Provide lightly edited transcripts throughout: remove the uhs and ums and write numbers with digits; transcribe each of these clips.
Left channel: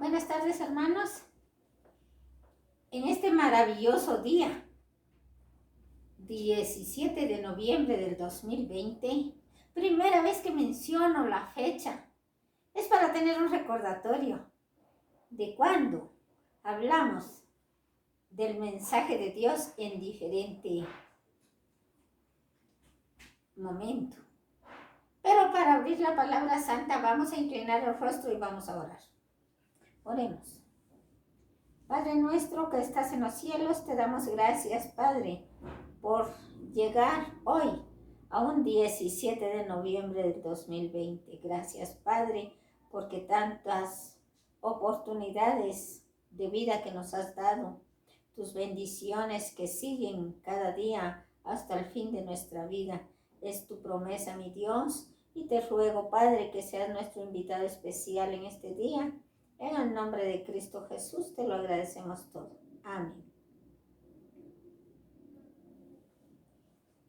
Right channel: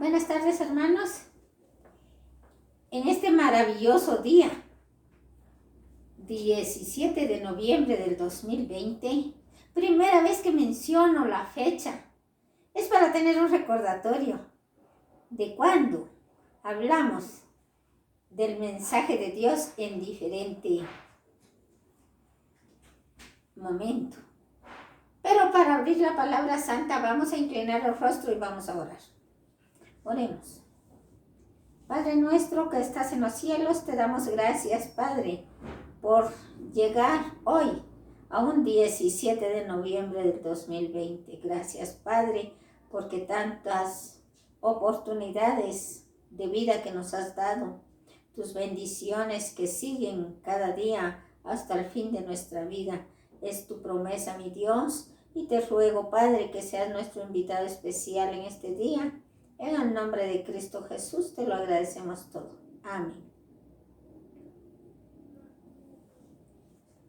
Buenas tardes, hermanos. En este maravilloso día, 17 de noviembre del 2020, primera vez que menciono la fecha, es para tener un recordatorio de cuando hablamos del mensaje de Dios en diferente momento. Pero para abrir la palabra santa vamos a inclinar el rostro y vamos a orar. Oremos. Padre nuestro que estás en los cielos, te damos gracias, Padre, por llegar hoy a un 17 de noviembre del 2020. Gracias, Padre, porque tantas oportunidades de vida que nos has dado, tus bendiciones que siguen cada día hasta el fin de nuestra vida. Es tu promesa, mi Dios, y te ruego, Padre, que seas nuestro invitado especial en este día. En el nombre de Cristo Jesús te lo agradecemos todo. Amén.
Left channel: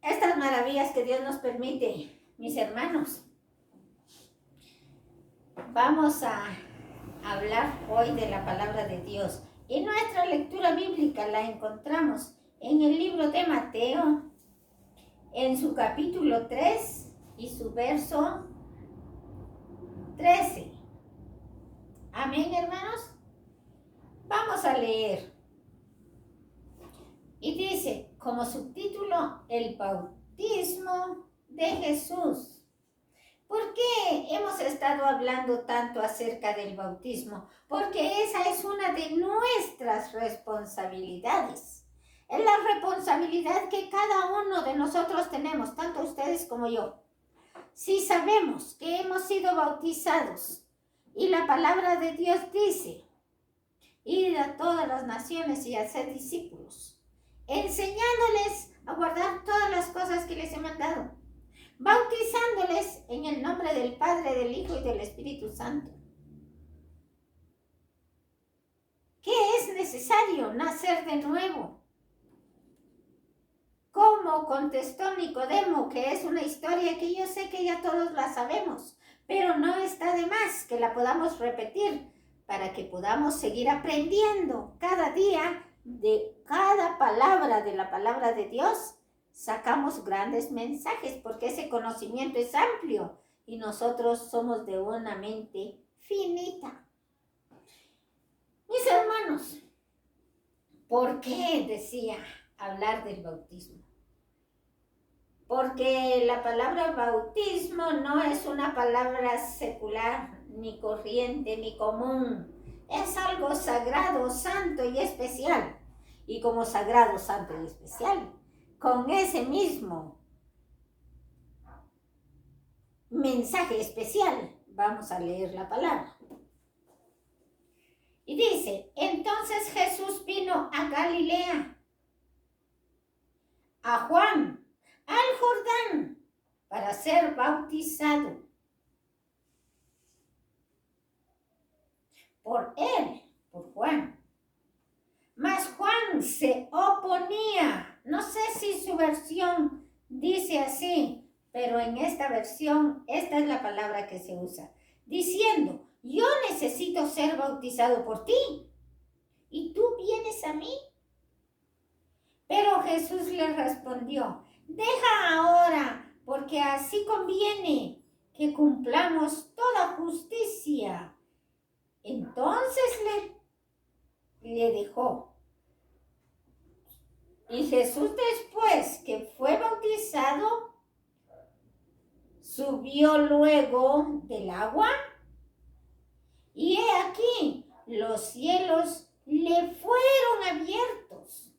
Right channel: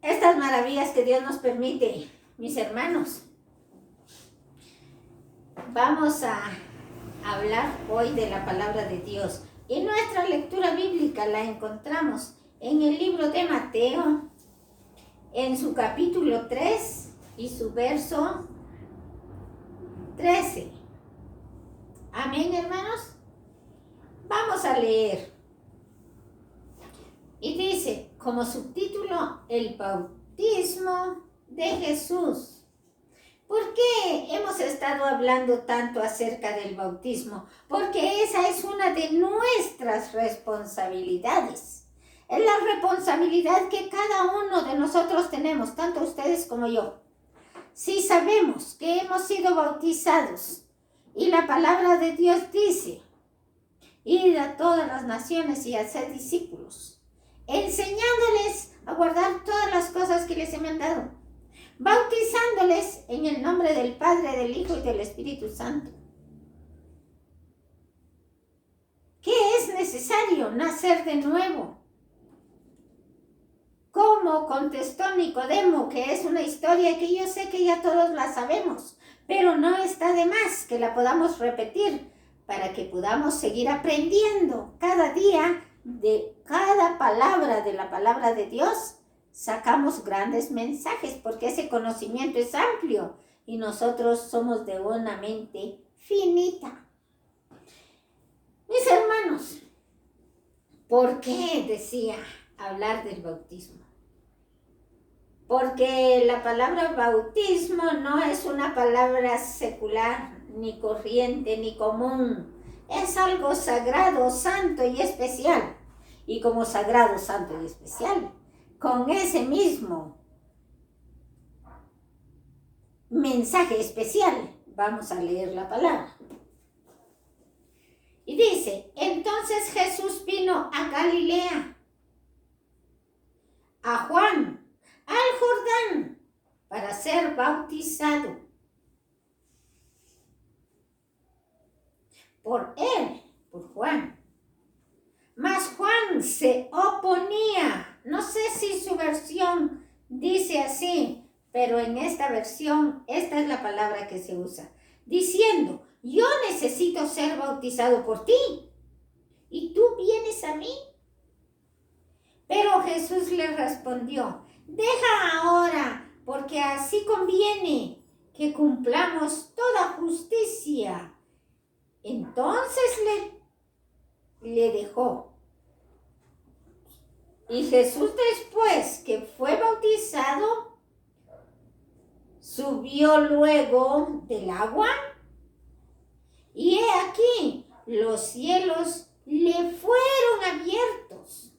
Estas maravillas que Dios nos permite, mis hermanos, vamos a hablar hoy de la palabra de Dios. Y nuestra lectura bíblica la encontramos en el libro de Mateo, en su capítulo 3 y su verso 13. Amén, hermanos. Vamos a leer. Y dice, como subtítulo, el bautismo de Jesús. ¿Por qué hemos estado hablando tanto acerca del bautismo? Porque esa es una de nuestras responsabilidades. Es la responsabilidad que cada uno de nosotros tenemos, tanto ustedes como yo. Si sabemos que hemos sido bautizados, y la palabra de Dios dice, id a todas las naciones y haced discípulos, enseñándoles a guardar todas las cosas que les he mandado, bautizándoles en el nombre del Padre, del Hijo y del Espíritu Santo. ¿Qué es necesario? Nacer de nuevo. ¿Cómo contestó Nicodemo? Que es una historia que yo sé que ya todos la sabemos, pero no está de más que la podamos repetir para que podamos seguir aprendiendo cada día de cada palabra de la palabra de Dios. Sacamos grandes mensajes porque ese conocimiento es amplio y nosotros somos de una mente finita. Mis hermanos, ¿por qué decía hablar del bautismo? Porque la palabra bautismo no es una palabra secular, ni corriente, ni común. Es algo sagrado, santo y especial. Y como sagrado, santo y especial, con ese mismo mensaje especial, vamos a leer la palabra. Y dice, entonces Jesús vino a Galilea, a Juan, al Jordán, para ser bautizado por él, por Juan. Mas Juan se oponía. No sé si su versión dice así, pero en esta versión, esta es la palabra que se usa, diciendo, yo necesito ser bautizado por ti, ¿y tú vienes a mí? Pero Jesús le respondió, deja ahora, porque así conviene que cumplamos toda justicia. Entonces le dejó. Y Jesús, después que fue bautizado, subió luego del agua. Y he aquí, los cielos le fueron abiertos.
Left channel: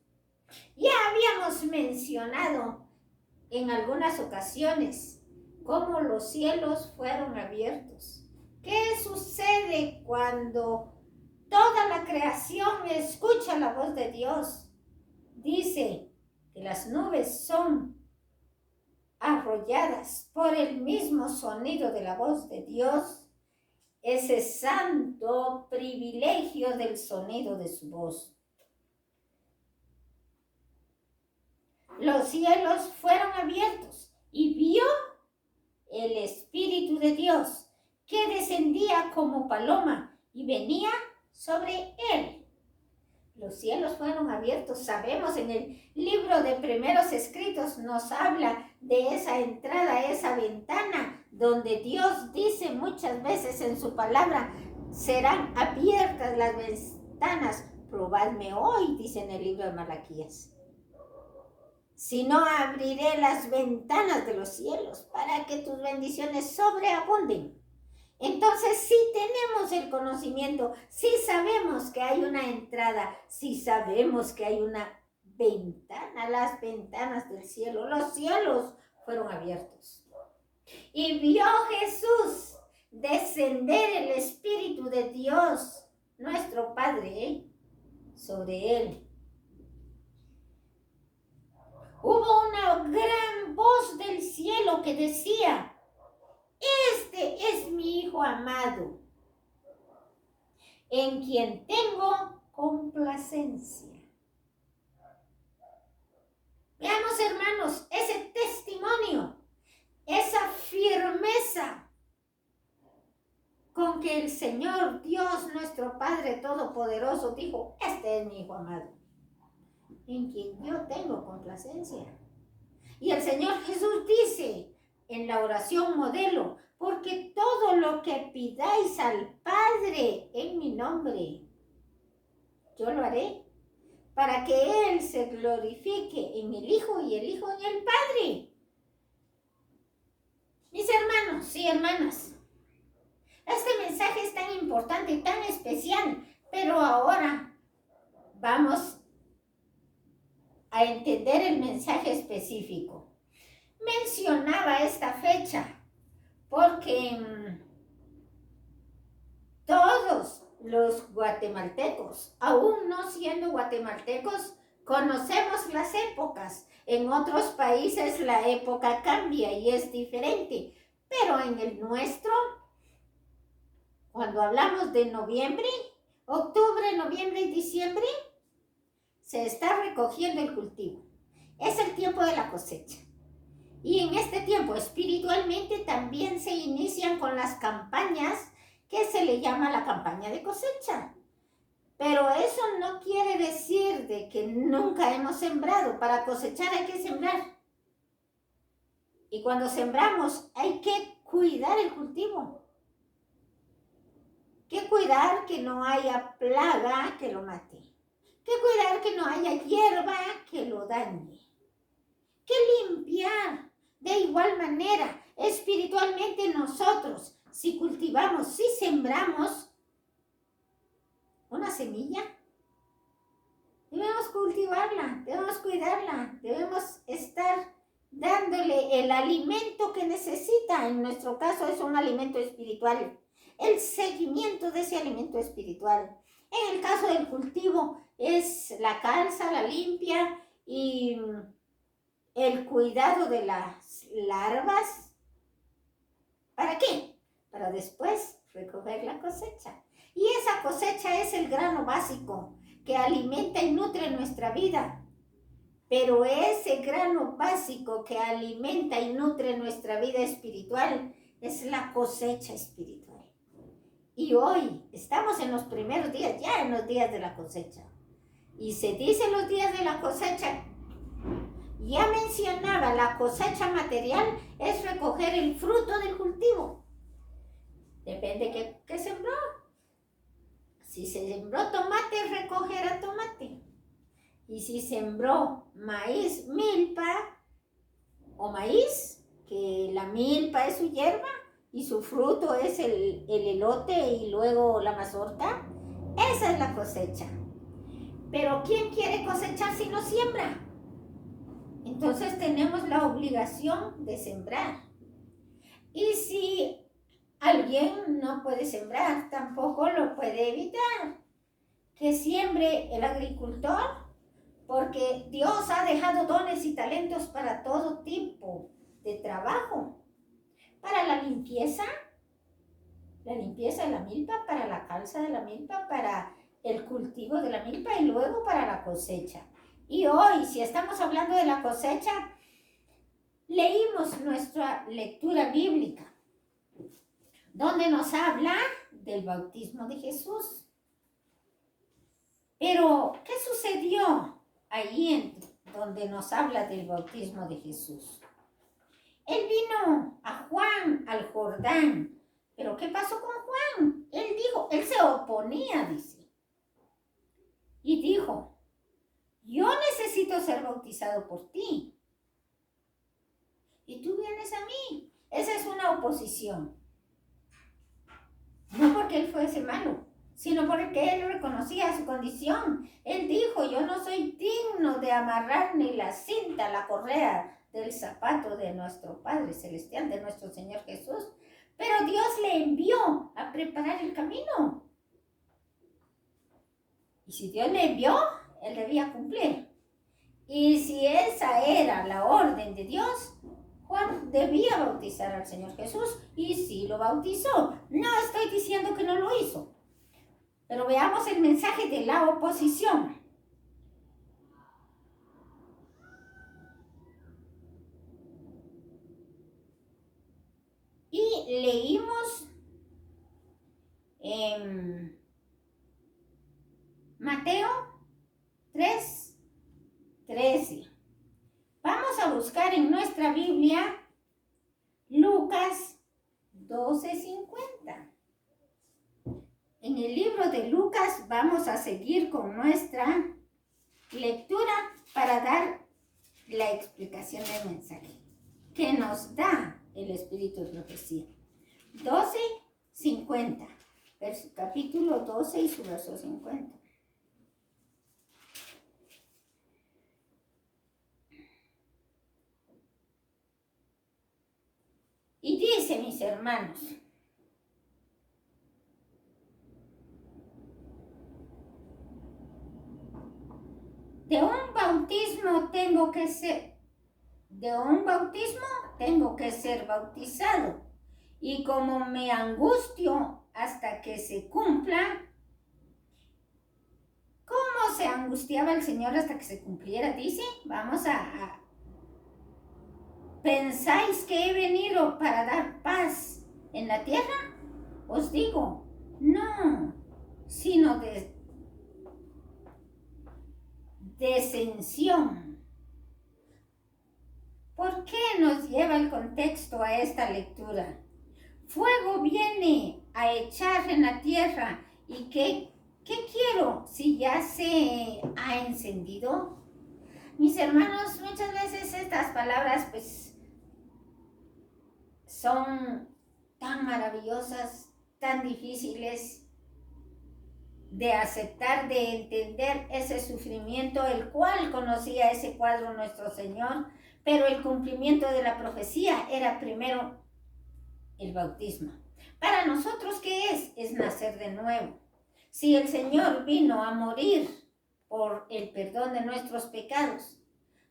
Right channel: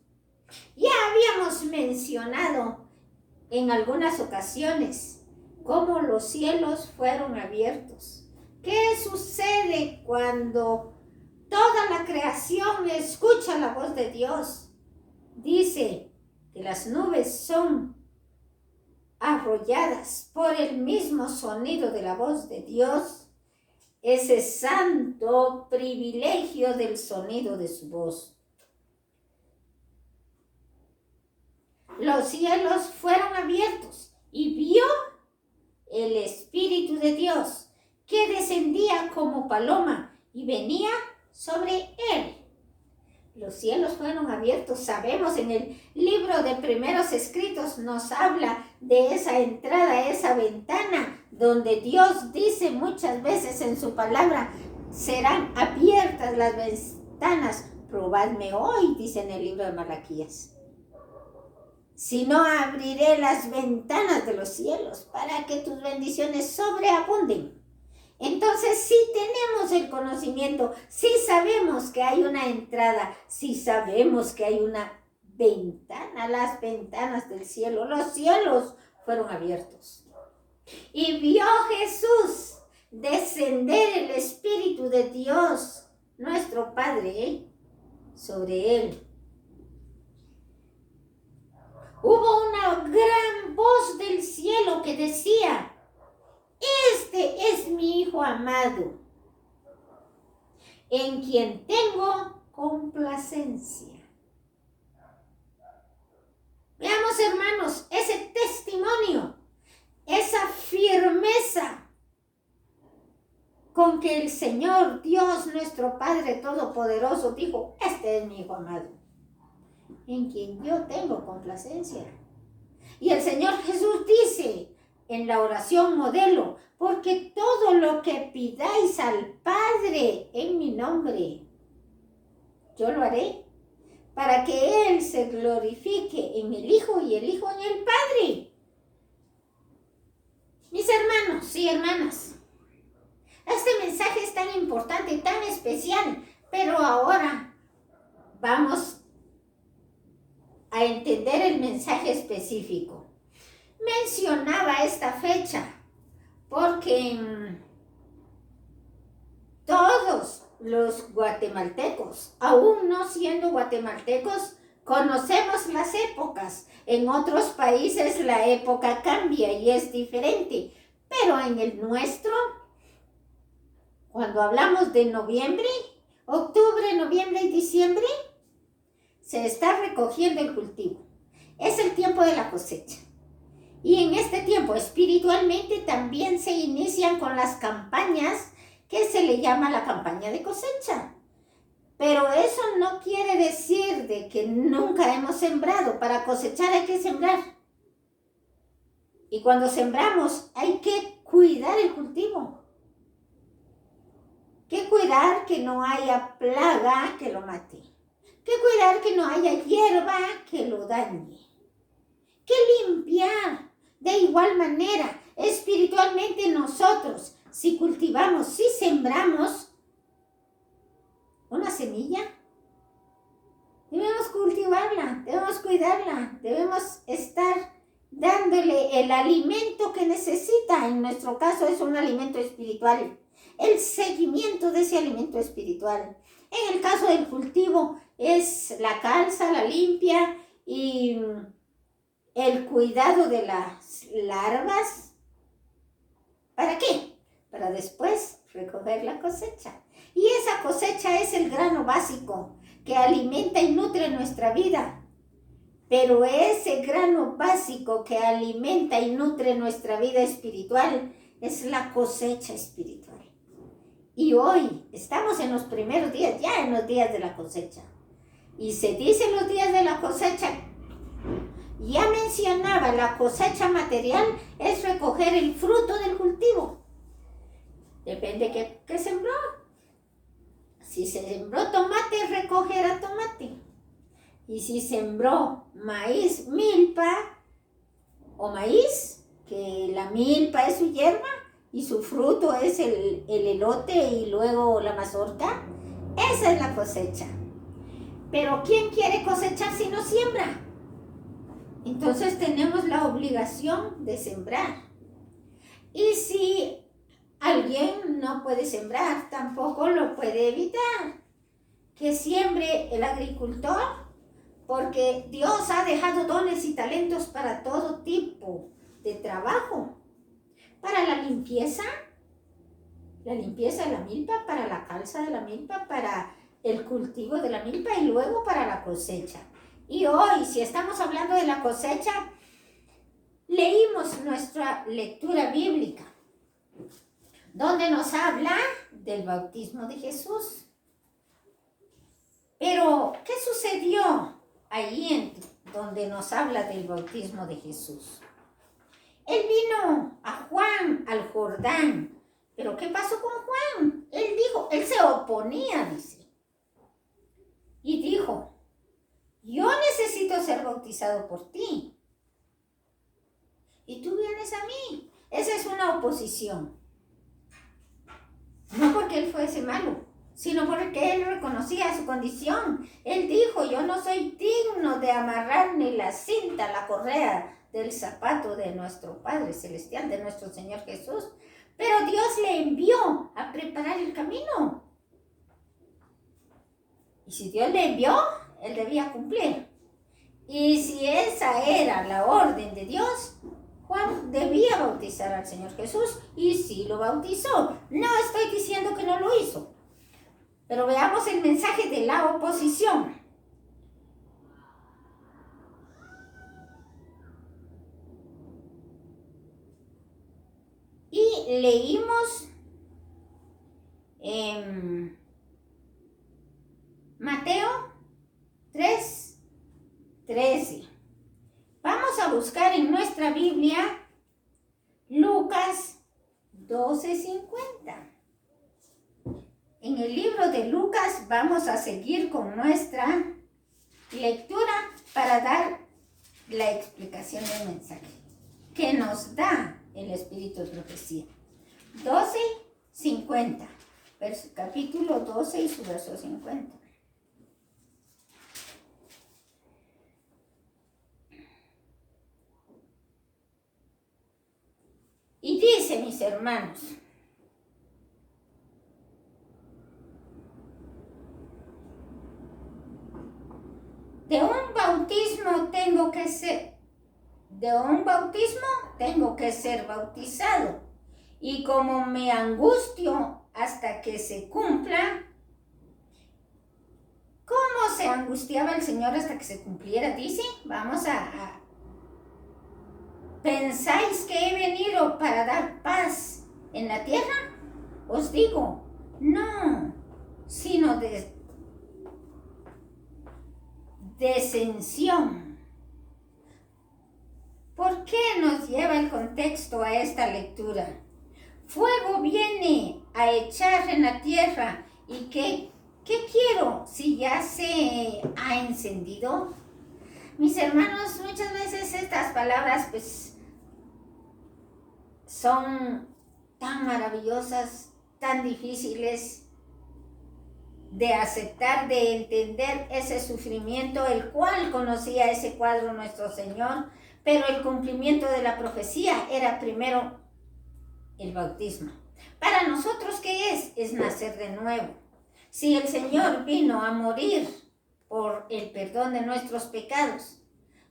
Ya habíamos mencionado en algunas ocasiones cómo los cielos fueron abiertos. ¿Qué sucede cuando toda la creación escucha la voz de Dios? Dice que las nubes son arrolladas por el mismo sonido de la voz de Dios, ese santo privilegio del sonido de su voz. Los cielos fueron abiertos y vio el Espíritu de Dios que descendía como paloma y venía sobre él. Los cielos fueron abiertos. Sabemos, en el libro de primeros escritos nos habla de esa entrada, esa ventana, donde Dios dice muchas veces en su palabra, serán abiertas las ventanas. Probadme hoy, dice en el libro de Malaquías. Si no, abriré las ventanas de los cielos para que tus bendiciones sobreabunden. Entonces sí tenemos el conocimiento, sí sabemos que hay una entrada, sí sabemos que hay una ventana, las ventanas del cielo, los cielos fueron abiertos. Y vio Jesús descender el Espíritu de Dios, nuestro Padre, sobre él. Hubo una gran voz del cielo que decía, este es mi Hijo amado, en quien tengo complacencia. Veamos, hermanos, ese testimonio, esa firmeza con que el Señor Dios, nuestro Padre Todopoderoso, dijo, este es mi Hijo amado, en quien yo tengo complacencia. Y el Señor Jesús dice en la oración modelo, porque todo lo que pidáis al Padre en mi nombre, yo lo haré, para que Él se glorifique en el Hijo y el Hijo en el Padre. Mis hermanos y hermanas, este mensaje es tan importante, tan especial, pero ahora vamos a entender el mensaje específico. Mencionaba esta fecha porque todos los guatemaltecos, aún no siendo guatemaltecos, conocemos las épocas. En otros países la época cambia y es diferente, pero en el nuestro, cuando hablamos de noviembre, octubre, noviembre y diciembre, se está recogiendo el cultivo. Es el tiempo de la cosecha. Y en este tiempo espiritualmente también se inician con las campañas que se le llama la campaña de cosecha. Pero eso no quiere decir de que nunca hemos sembrado. Para cosechar hay que sembrar. Y cuando sembramos hay que cuidar el cultivo. Que cuidar que no haya plaga que lo mate. Que cuidar que no haya hierba que lo dañe. Que limpiar. De igual manera, espiritualmente nosotros, si cultivamos, si sembramos una semilla, debemos cultivarla, debemos cuidarla, debemos estar dándole el alimento que necesita. En nuestro caso es un alimento espiritual, el seguimiento de ese alimento espiritual. En el caso del cultivo es la calza, la limpia y el cuidado de las larvas. ¿Para qué? Para después recoger la cosecha. Y esa cosecha es el grano básico que alimenta y nutre nuestra vida. Pero ese grano básico que alimenta y nutre nuestra vida espiritual es la cosecha espiritual. Y hoy estamos en los primeros días, ya en los días de la cosecha. Y se dice los días de la cosecha. Ya mencionaba, la cosecha material es recoger el fruto del cultivo. Depende qué sembró. Si se sembró tomate, recogerá tomate. Y si sembró maíz, milpa o maíz, que la milpa es su hierba y su fruto es el elote y luego la mazorca, esa es la cosecha. Pero ¿quién quiere cosechar si no siembra? Entonces tenemos la obligación de sembrar. Y si alguien no puede sembrar, tampoco lo puede evitar. Que siembre el agricultor, porque Dios ha dejado dones y talentos para todo tipo de trabajo. Para la limpieza de la milpa, para la calza de la milpa, para el cultivo de la milpa y luego para la cosecha. Y hoy, si estamos hablando de la cosecha, leímos nuestra lectura bíblica, donde nos habla del bautismo de Jesús. Pero, ¿qué sucedió ahí donde nos habla del bautismo de Jesús? Él vino a Juan al Jordán. ¿Pero qué pasó con Juan? Él se oponía, dice. Y dijo, yo necesito ser bautizado por ti. Y tú vienes a mí. Esa es una oposición. No porque él fuese malo, sino porque él reconocía su condición. Él dijo, yo no soy digno de amarrar ni la cinta, la correa del zapato de nuestro Padre Celestial, de nuestro Señor Jesús. Pero Dios le envió a preparar el camino. Y si Dios le envió, él debía cumplir. Y si esa era la orden de Dios, Juan debía bautizar al Señor Jesús y sí lo bautizó. No estoy diciendo que no lo hizo. Pero veamos el mensaje de la oposición. Y leímos Mateo 3:13. Vamos a buscar en nuestra Biblia Lucas 12:50. En el libro de Lucas vamos a seguir con nuestra lectura para dar la explicación del mensaje que nos da el Espíritu de Profecía. 12:50, capítulo 12 y su verso 50. Y dice, mis hermanos, de un bautismo tengo que ser bautizado. Y como me angustio hasta que se cumpla, ¿cómo se angustiaba el Señor hasta que se cumpliera? Dice, ¿pensáis que he venido para dar paz en la tierra? Os digo, no, sino disensión. ¿Por qué nos lleva el contexto a esta lectura? Fuego viene a echar en la tierra. ¿Y qué quiero si ya se ha encendido? Mis hermanos, muchas veces estas palabras pues son tan maravillosas, tan difíciles de aceptar, de entender ese sufrimiento, el cual conocía ese cuadro nuestro Señor, pero el cumplimiento de la profecía era primero el bautismo. Para nosotros, ¿qué es? Es nacer de nuevo. Si el Señor vino a morir por el perdón de nuestros pecados,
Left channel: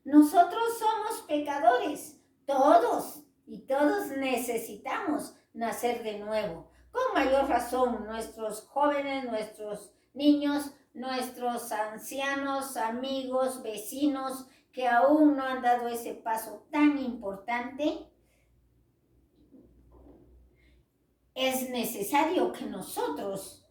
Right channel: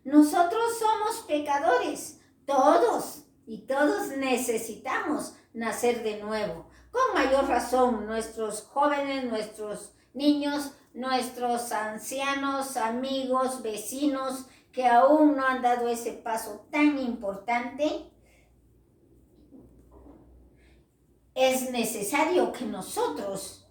nosotros somos pecadores, todos, y todos necesitamos nacer de nuevo. Con mayor razón, nuestros jóvenes, nuestros niños, nuestros ancianos, amigos, vecinos, que aún no han dado ese paso tan importante, es necesario que nosotros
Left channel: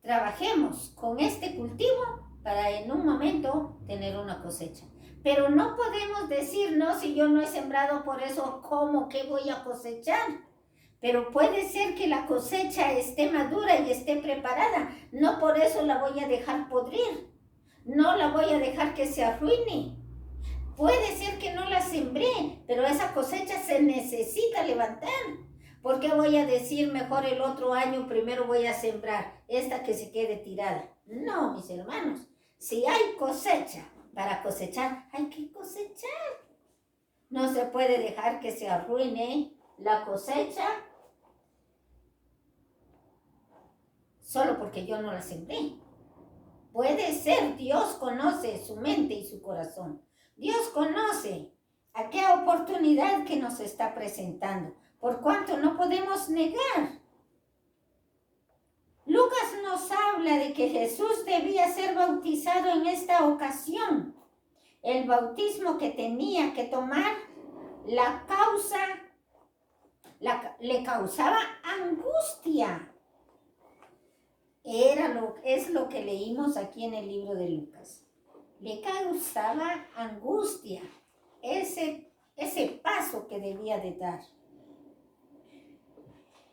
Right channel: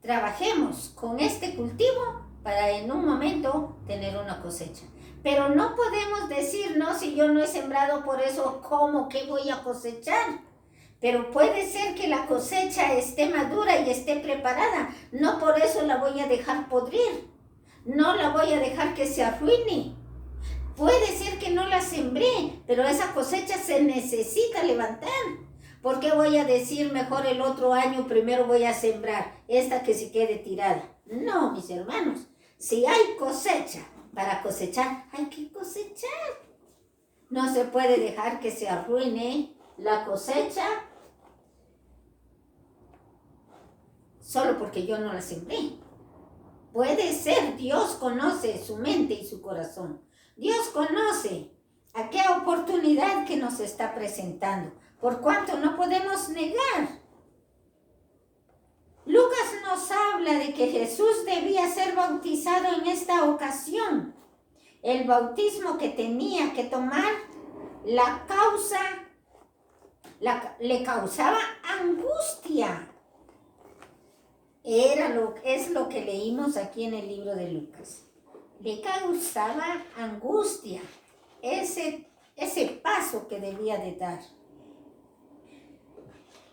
trabajemos con este cultivo para en un momento tener una cosecha. Pero no podemos decir, no, si yo no he sembrado, por eso, ¿cómo que voy a cosechar? Pero puede ser que la cosecha esté madura y esté preparada. No por eso la voy a dejar podrir. No la voy a dejar que se arruine. Puede ser que no la sembré, pero esa cosecha se necesita levantar. ¿Por qué voy a decir mejor el otro año primero voy a sembrar esta que se quede tirada? No, mis hermanos. Si hay cosecha para cosechar, hay que cosechar. No se puede dejar que se arruine la cosecha solo porque yo no la sembré. Puede ser, Dios conoce su mente y su corazón. Dios conoce a qué oportunidad que nos está presentando, por cuanto no podemos negar. Lucas nos habla de que Jesús debía ser bautizado en esta ocasión. El bautismo que tenía que tomar le causaba angustia. Es lo que leímos aquí en el libro de Lucas. Le causaba angustia ese paso que debía de dar.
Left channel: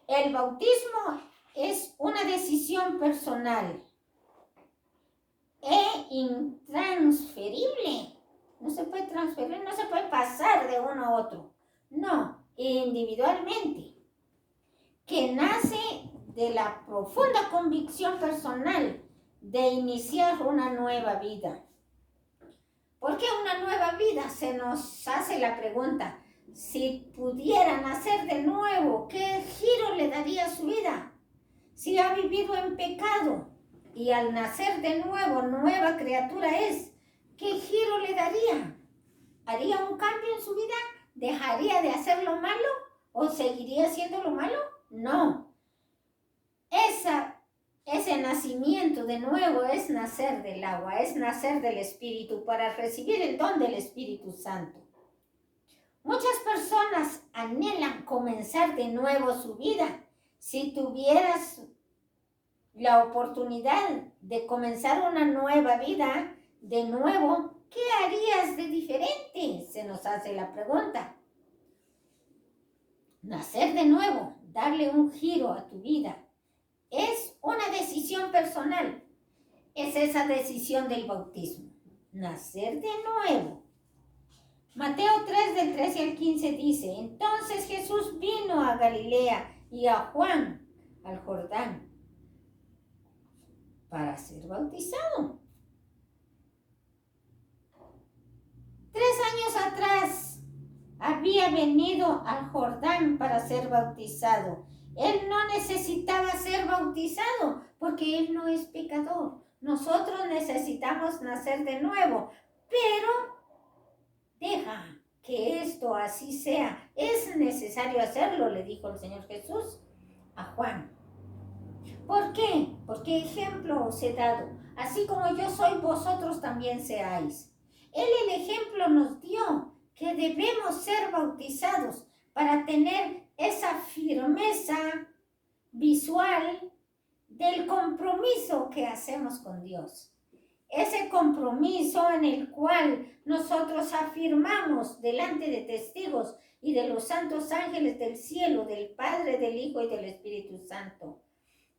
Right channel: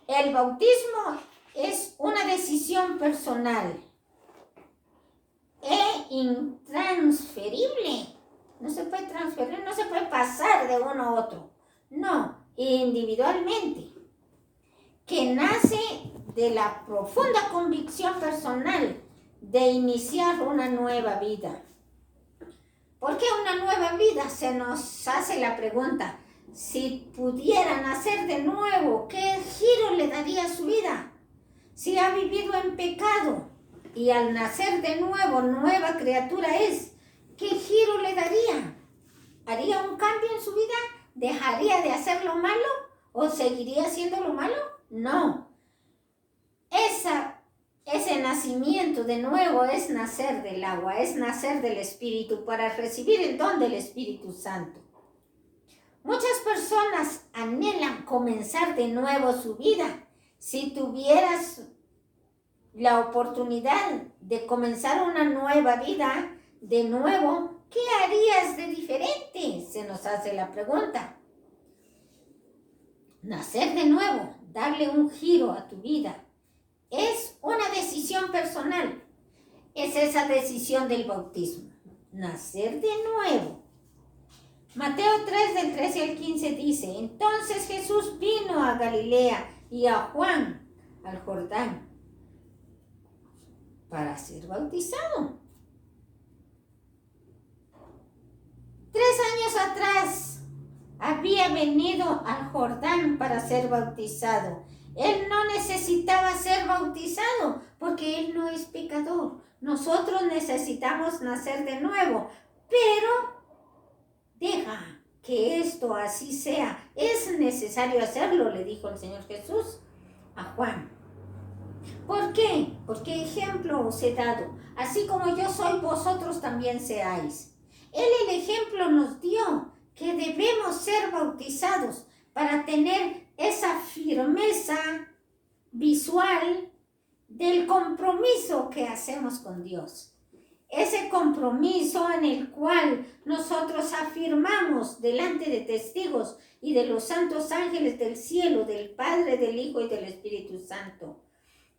El bautismo es una decisión personal e intransferible. No se puede transferir, no se puede pasar de uno a otro. No, individualmente. Que nace de la profunda convicción personal de iniciar una nueva vida. ¿Por qué una nueva vida? Se nos hace la pregunta, si pudiera nacer de nuevo, ¿qué giro le daría a su vida? Si ha vivido en pecado y al nacer de nuevo, nueva criatura es, ¿qué giro le daría? ¿Haría un cambio en su vida? ¿Dejaría de hacer lo malo o seguiría haciendo lo malo? No. Ese nacimiento de nuevo es nacer del agua, es nacer del Espíritu para recibir el don del Espíritu Santo. Muchas personas anhelan comenzar de nuevo su vida. Si tuvieras la oportunidad de comenzar una nueva vida de nuevo, ¿qué harías de diferente? Se nos hace la pregunta. Nacer de nuevo, darle un giro a tu vida. Es una decisión personal. Es esa decisión del bautismo. Nacer de nuevo. Mateo 3, del 13 al 15 dice, entonces Jesús vino a Galilea y a Juan, al Jordán, para ser bautizado. 3 años atrás había venido al Jordán para ser bautizado. Él no necesitaba ser bautizado porque él no es pecador. Nosotros necesitamos nacer de nuevo, pero deja que esto así sea. Es necesario hacerlo, le dijo el Señor Jesús a Juan. ¿Por qué? Porque ejemplo os he dado. Así como yo soy, vosotros también seáis. Él el ejemplo nos dio que debemos ser bautizados para tener esa firmeza visual del compromiso que hacemos con Dios. Ese compromiso en el cual nosotros afirmamos delante de testigos y de los santos ángeles del cielo, del Padre, del Hijo y del Espíritu Santo,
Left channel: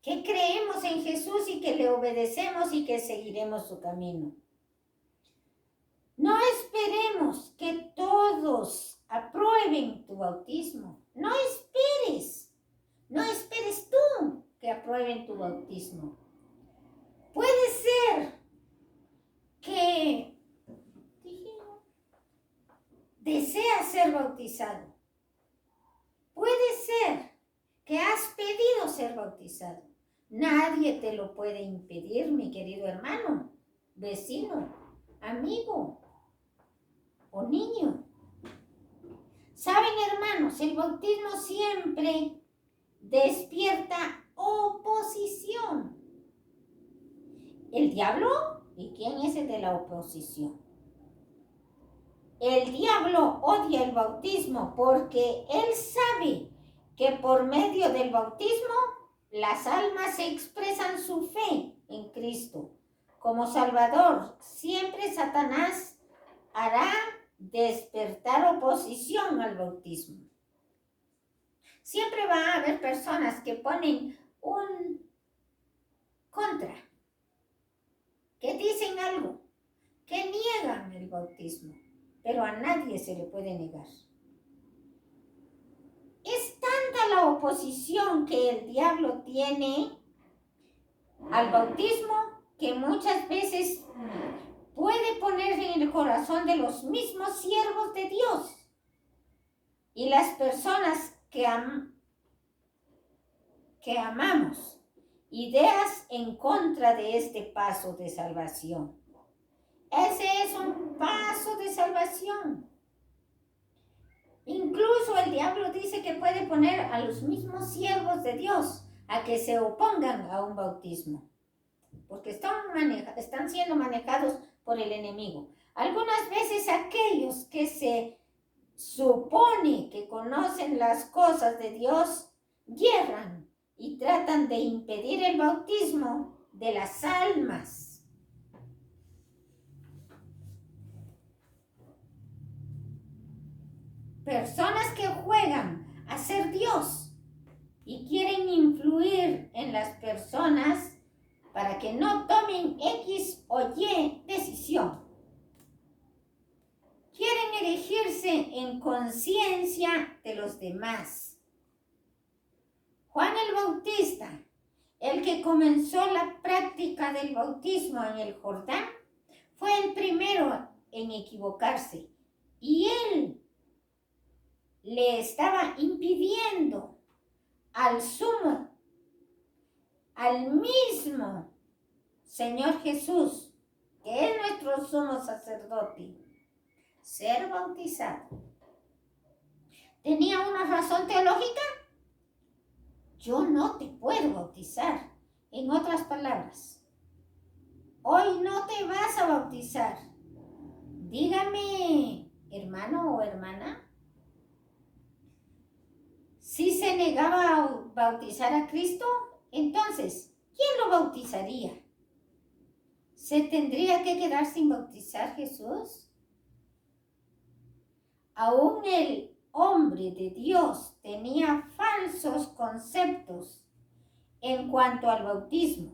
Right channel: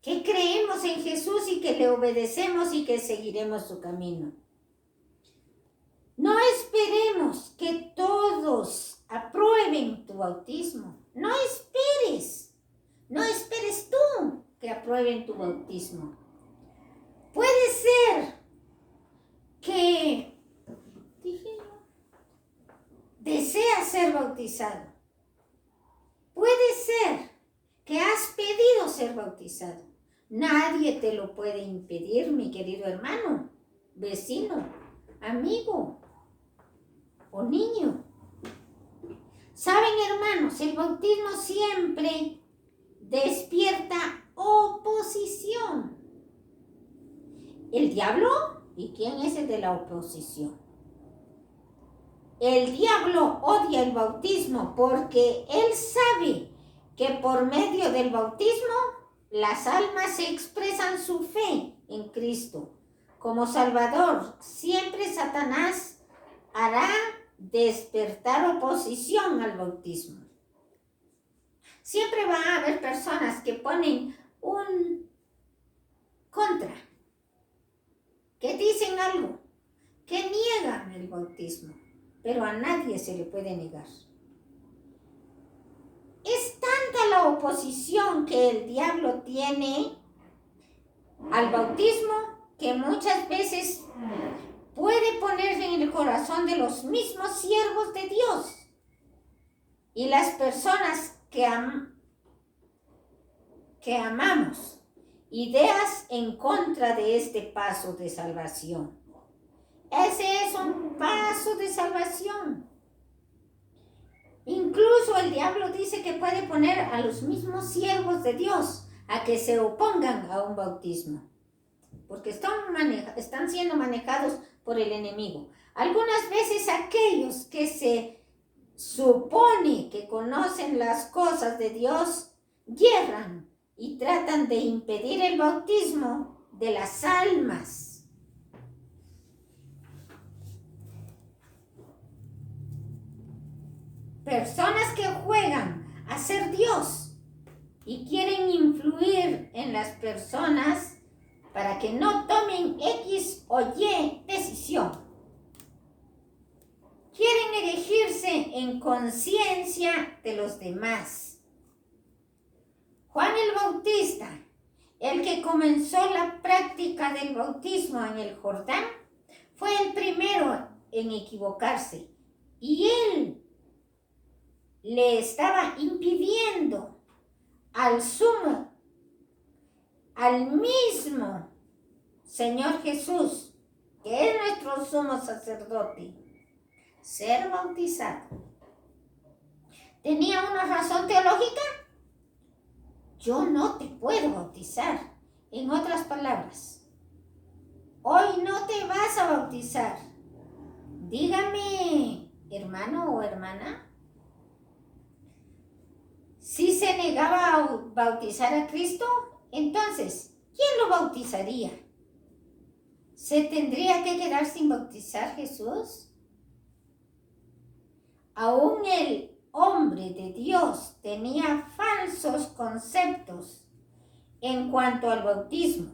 que creemos en Jesús y que le obedecemos y que seguiremos su camino. No esperemos que todos aprueben tu bautismo. No esperes tú que aprueben tu bautismo. Puede ser que deseas ser bautizado. Puede ser que has pedido ser bautizado. Nadie te lo puede impedir, mi querido hermano, vecino, amigo o niño. Saben, hermanos, el bautismo siempre despierta oposición. ¿El diablo? ¿Y quién es el de la oposición? El diablo odia el bautismo porque él sabe que por medio del bautismo las almas expresan su fe en Cristo como Salvador. Siempre Satanás hará despertar oposición al bautismo. Siempre va a haber personas que ponen un contra, que dicen algo, que niegan el bautismo, pero a nadie se le puede negar. Es tanta la oposición que el diablo tiene al bautismo que muchas veces puede ponerse en el corazón de los mismos siervos de Dios y las personas que amamos ideas en contra de este paso de salvación. Ese es un paso de salvación. Incluso el diablo dice que puede poner a los mismos siervos de Dios a que se opongan a un bautismo, porque están siendo manejados por el enemigo. Algunas veces aquellos que se supone que conocen las cosas de Dios, yerran y tratan de impedir el bautismo de las almas. Personas que juegan a ser Dios y quieren influir en las personas para que no tomen X o Y decisión. Quieren erigirse en conciencia de los demás. Juan el Bautista, el que comenzó la práctica del bautismo en el Jordán, fue el primero en equivocarse y él le estaba impidiendo al mismo Señor Jesús, que es nuestro sumo sacerdote, ser bautizado. ¿Tenía una razón teológica? Yo no te puedo bautizar. En otras palabras, hoy no te vas a bautizar. Dígame, hermano o hermana, si se negaba a bautizar a Cristo, entonces, ¿quién lo bautizaría? ¿Se tendría que quedar sin bautizar Jesús? Aún el hombre de Dios tenía falsos conceptos en cuanto al bautismo.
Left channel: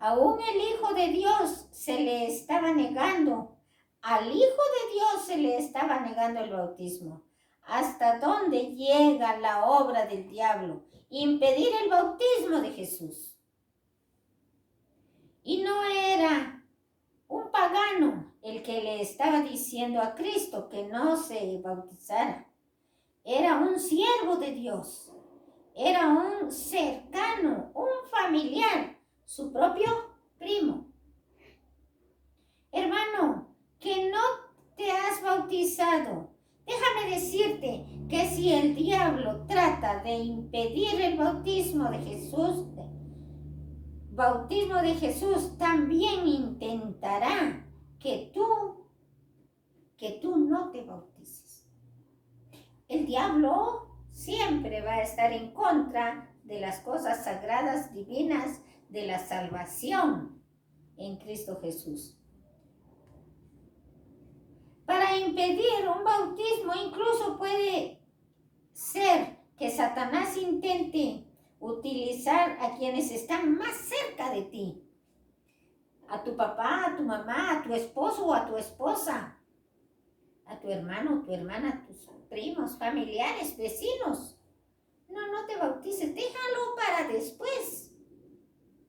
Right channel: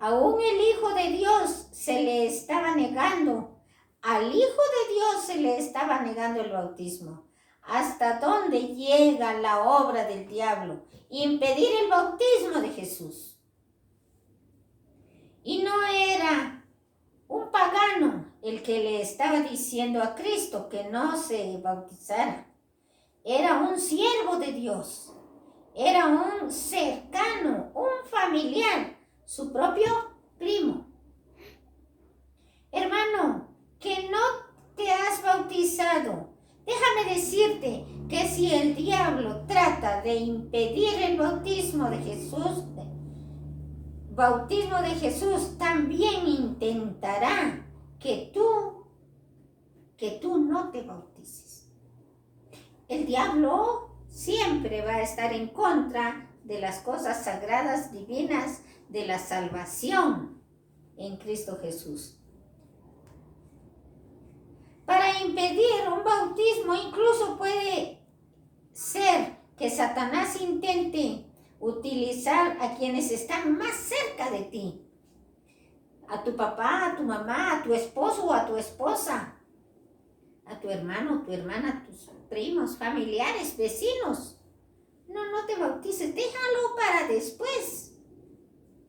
Aún el Hijo de Dios se le estaba negando. Al Hijo de Dios se le estaba negando el bautismo. ¿Hasta dónde llega la obra del diablo? Impedir el bautismo de Jesús. Y no era un pagano el que le estaba diciendo a Cristo que no se bautizara. Era un siervo de Dios. Era un cercano, un familiar, su propio primo. Hermano, que no te has bautizado, déjame decirte que si el diablo trata de impedir el bautismo de Jesús, también intentará que tú no te bautices. El diablo siempre va a estar en contra de las cosas sagradas, divinas, de la salvación en Cristo Jesús. Para impedir un bautismo, incluso puede ser que Satanás intente utilizar a quienes están más cerca de ti. A tu papá, a tu mamá, a tu esposo o a tu esposa, a tu hermano, tu hermana, tus primos, familiares, vecinos. No te bautices, déjalo para después.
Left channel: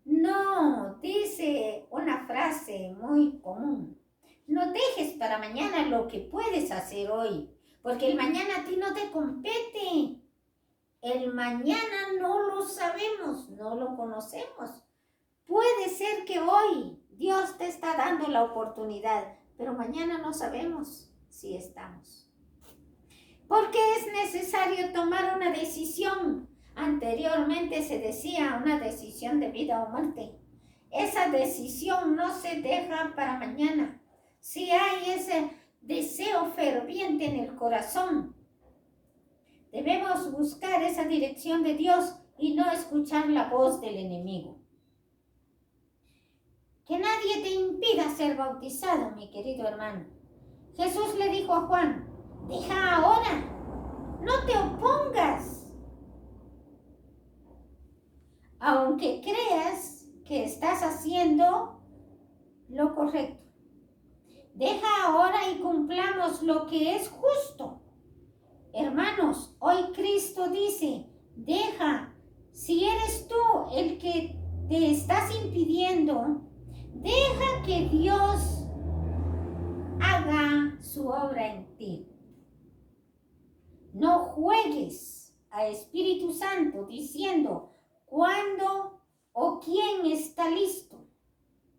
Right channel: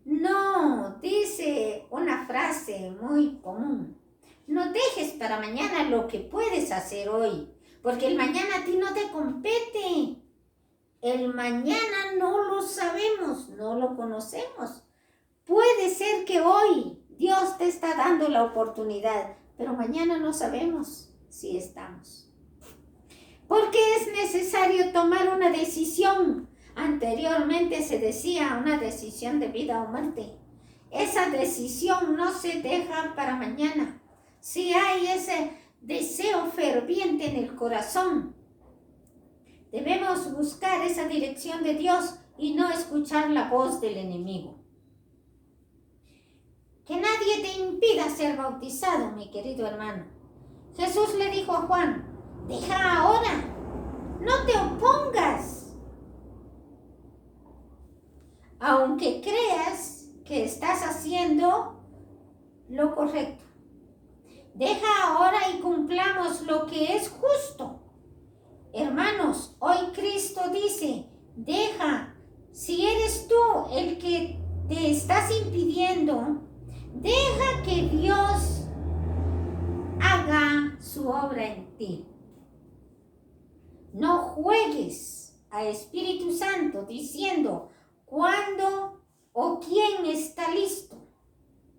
No, dice una frase muy común. No dejes para mañana lo que puedes hacer hoy, porque el mañana a ti no te compete. El mañana no lo sabemos, no lo conocemos. Puede ser que hoy Dios te está dando la oportunidad, pero mañana no sabemos si estamos. Porque es necesario tomar una decisión. Anteriormente se decía una decisión de vida o muerte. Esa decisión no se deja para mañana. Si hay ese deseo ferviente en el corazón, debemos buscar esa dirección de Dios y no escuchar la voz del enemigo. Que nadie te impida ser bautizado, mi querido hermano. Jesús le dijo a Juan, deja ahora, no te opongas. Aunque creas que estás haciendo lo correcto. Deja ahora y cumplamos lo que es justo. Hermanos, hoy Cristo dice, deja, si eres tú el que te estás impidiendo, deja que Dios haga su obra en ti. No juegues a Espíritu Santo diciendo cuándo o quién está listo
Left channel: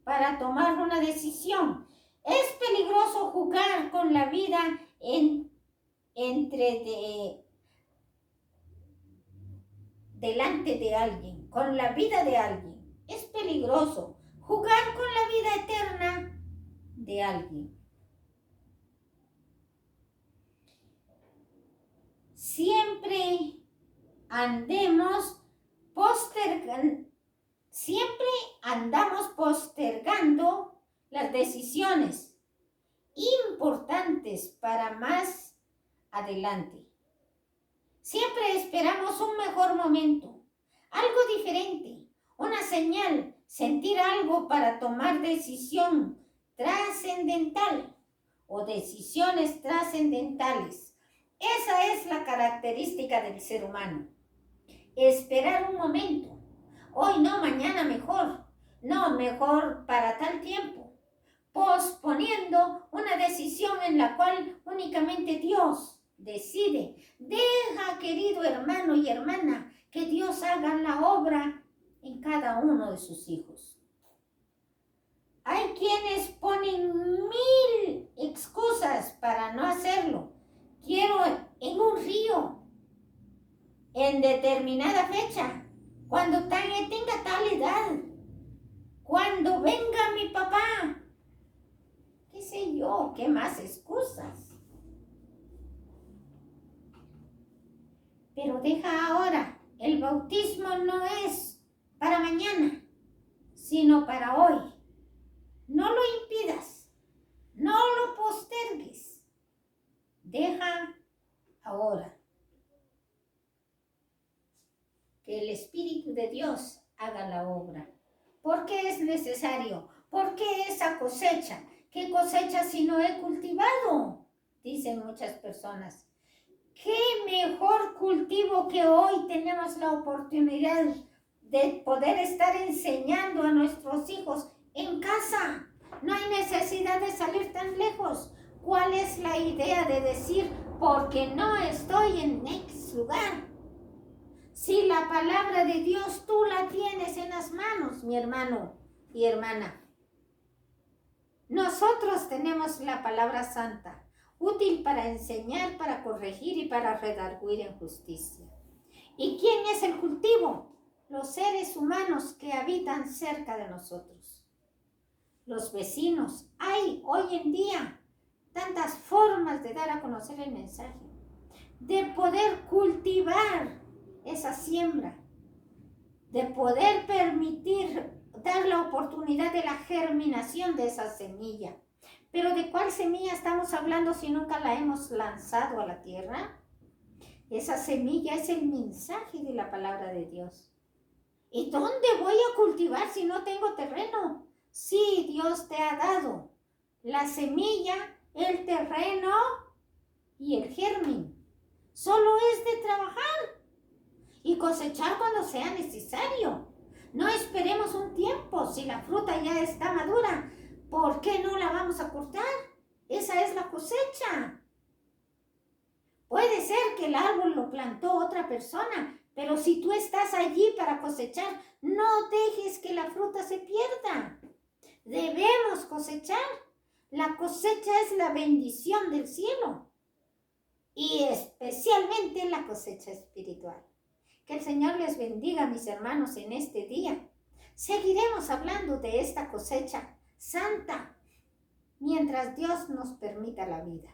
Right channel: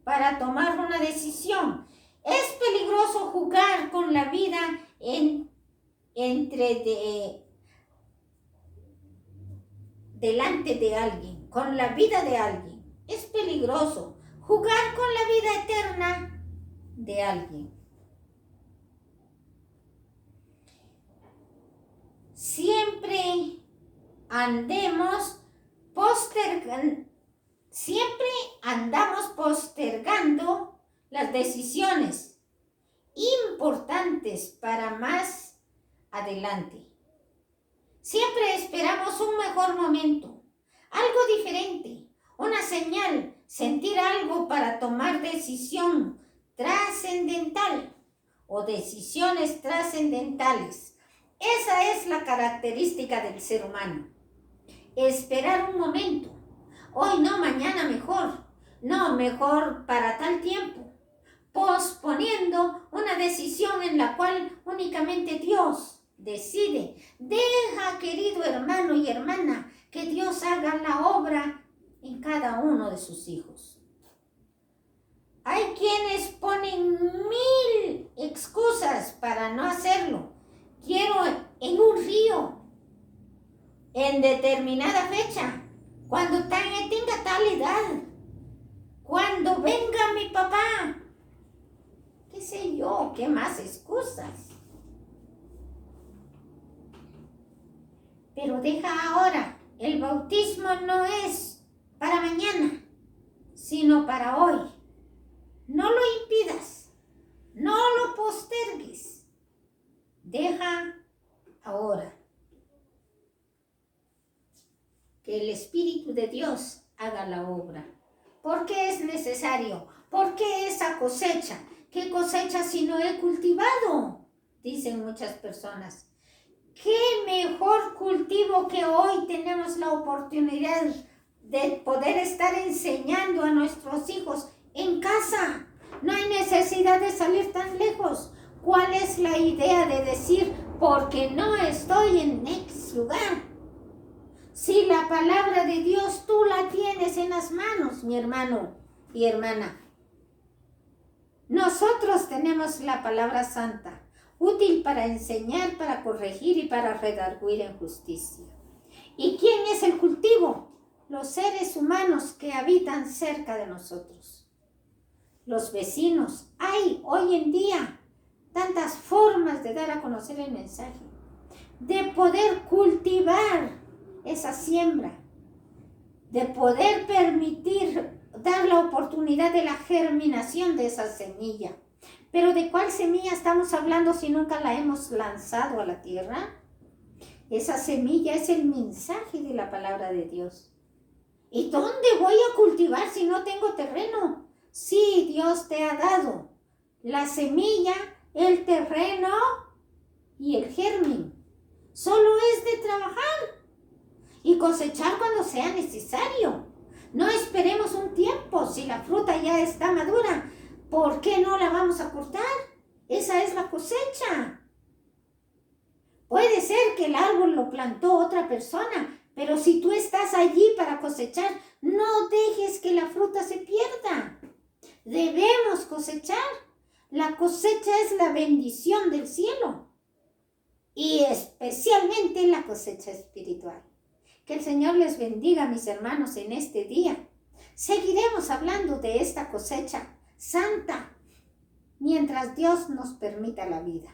para tomar una decisión. Es peligroso jugar con la vida delante de alguien, con la vida de alguien. Es peligroso jugar con la vida eterna de alguien. Siempre andemos siempre andamos postergando las decisiones importantes para más adelante. Siempre esperamos un mejor momento, algo diferente, una señal, sentir algo para tomar decisión trascendental o decisiones trascendentales. Esa es la característica del ser humano. Esperar un momento. Hoy no, mañana mejor. No, mejor para tal tiempo. Posponiendo una decisión en la cual únicamente Dios decide. Deja, querido hermano y hermana, que Dios haga la obra en cada uno de sus hijos. Hay quienes ponen 1000 excusas para no hacerlo. Quiero en un río, en determinada fecha, cuando tenga tal edad, cuando venga mi papá, qué sé yo, qué más excusas. Pero deja ahora, el bautismo no es para mañana, sino para hoy. No lo impidas, no lo postergues. Deja ahora que el Espíritu de Dios haga la obra. ¿Por qué es necesario? ¿Por qué esa cosecha? ¿Qué cosecha si no he cultivado? Dicen muchas personas. ¿Qué mejor cultivo que hoy tenemos la oportunidad de poder estar enseñando a nuestros hijos en casa? No hay necesidad de salir tan lejos. ¿Cuál es la idea de decir, porque no estoy en X lugar? Si la palabra de Dios tú la tienes en las manos, mi hermano y hermana. Nosotros tenemos la palabra santa, útil para enseñar, para corregir y para redarguir en justicia. ¿Y quién es el cultivo? Los seres humanos que habitan cerca de nosotros. Los vecinos. Hay hoy en día tantas formas de dar a conocer el mensaje, de poder cultivar esa siembra, de poder permitir dar la oportunidad de la germinación de esa semilla. Pero ¿de cuál semilla estamos hablando si nunca la hemos lanzado a la tierra? Esa semilla es el mensaje de la palabra de Dios. ¿Y dónde voy a cultivar si no tengo terreno? Sí, Dios te ha dado la semilla, el terreno y el germen. Solo es de trabajar y cosechar cuando sea necesario. No esperemos un tiempo. Si la fruta ya está madura, ¿por qué no la vamos a cortar? Esa es la cosecha. Puede ser que el árbol lo plantó otra persona, pero si tú estás allí para cosechar, no dejes que la fruta se pierda. Debemos cosechar. La cosecha es la bendición del cielo y especialmente la cosecha espiritual. Que el Señor les bendiga, mis hermanos, en este día. Seguiremos hablando de esta cosecha santa mientras Dios nos permita la vida.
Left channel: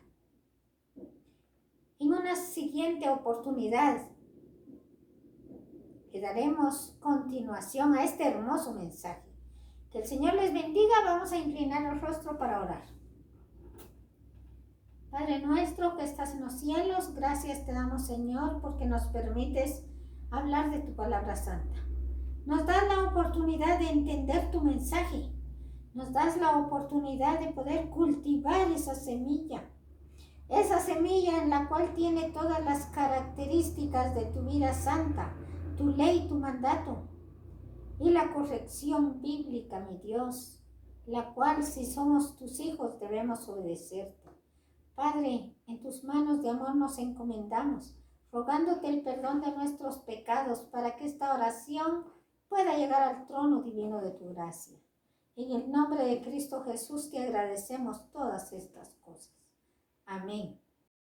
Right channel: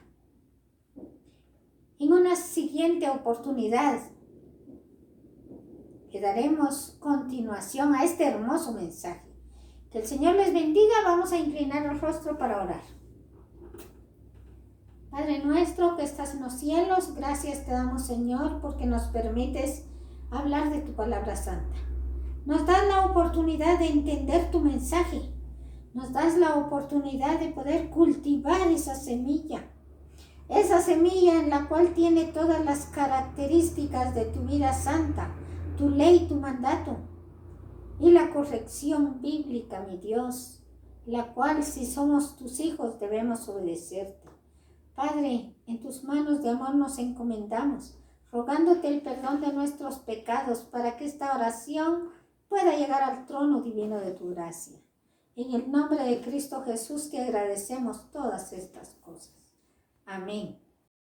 En una siguiente oportunidad le daremos continuación a este hermoso mensaje. Que el Señor les bendiga. Vamos a inclinar el rostro para orar. Padre nuestro que estás en los cielos, gracias te damos, Señor, porque nos permites hablar de tu palabra santa. Nos das la oportunidad de entender tu mensaje. Nos das la oportunidad de poder cultivar esa semilla en la cual tiene todas las características de tu vida santa, tu ley, tu mandato y la corrección bíblica, mi Dios, la cual si somos tus hijos debemos obedecerte. Padre, en tus manos de amor nos encomendamos, rogándote el perdón de nuestros pecados para que esta oración pueda llegar al trono divino de tu gracia. En el nombre de Cristo Jesús te agradecemos todas estas cosas. Amén.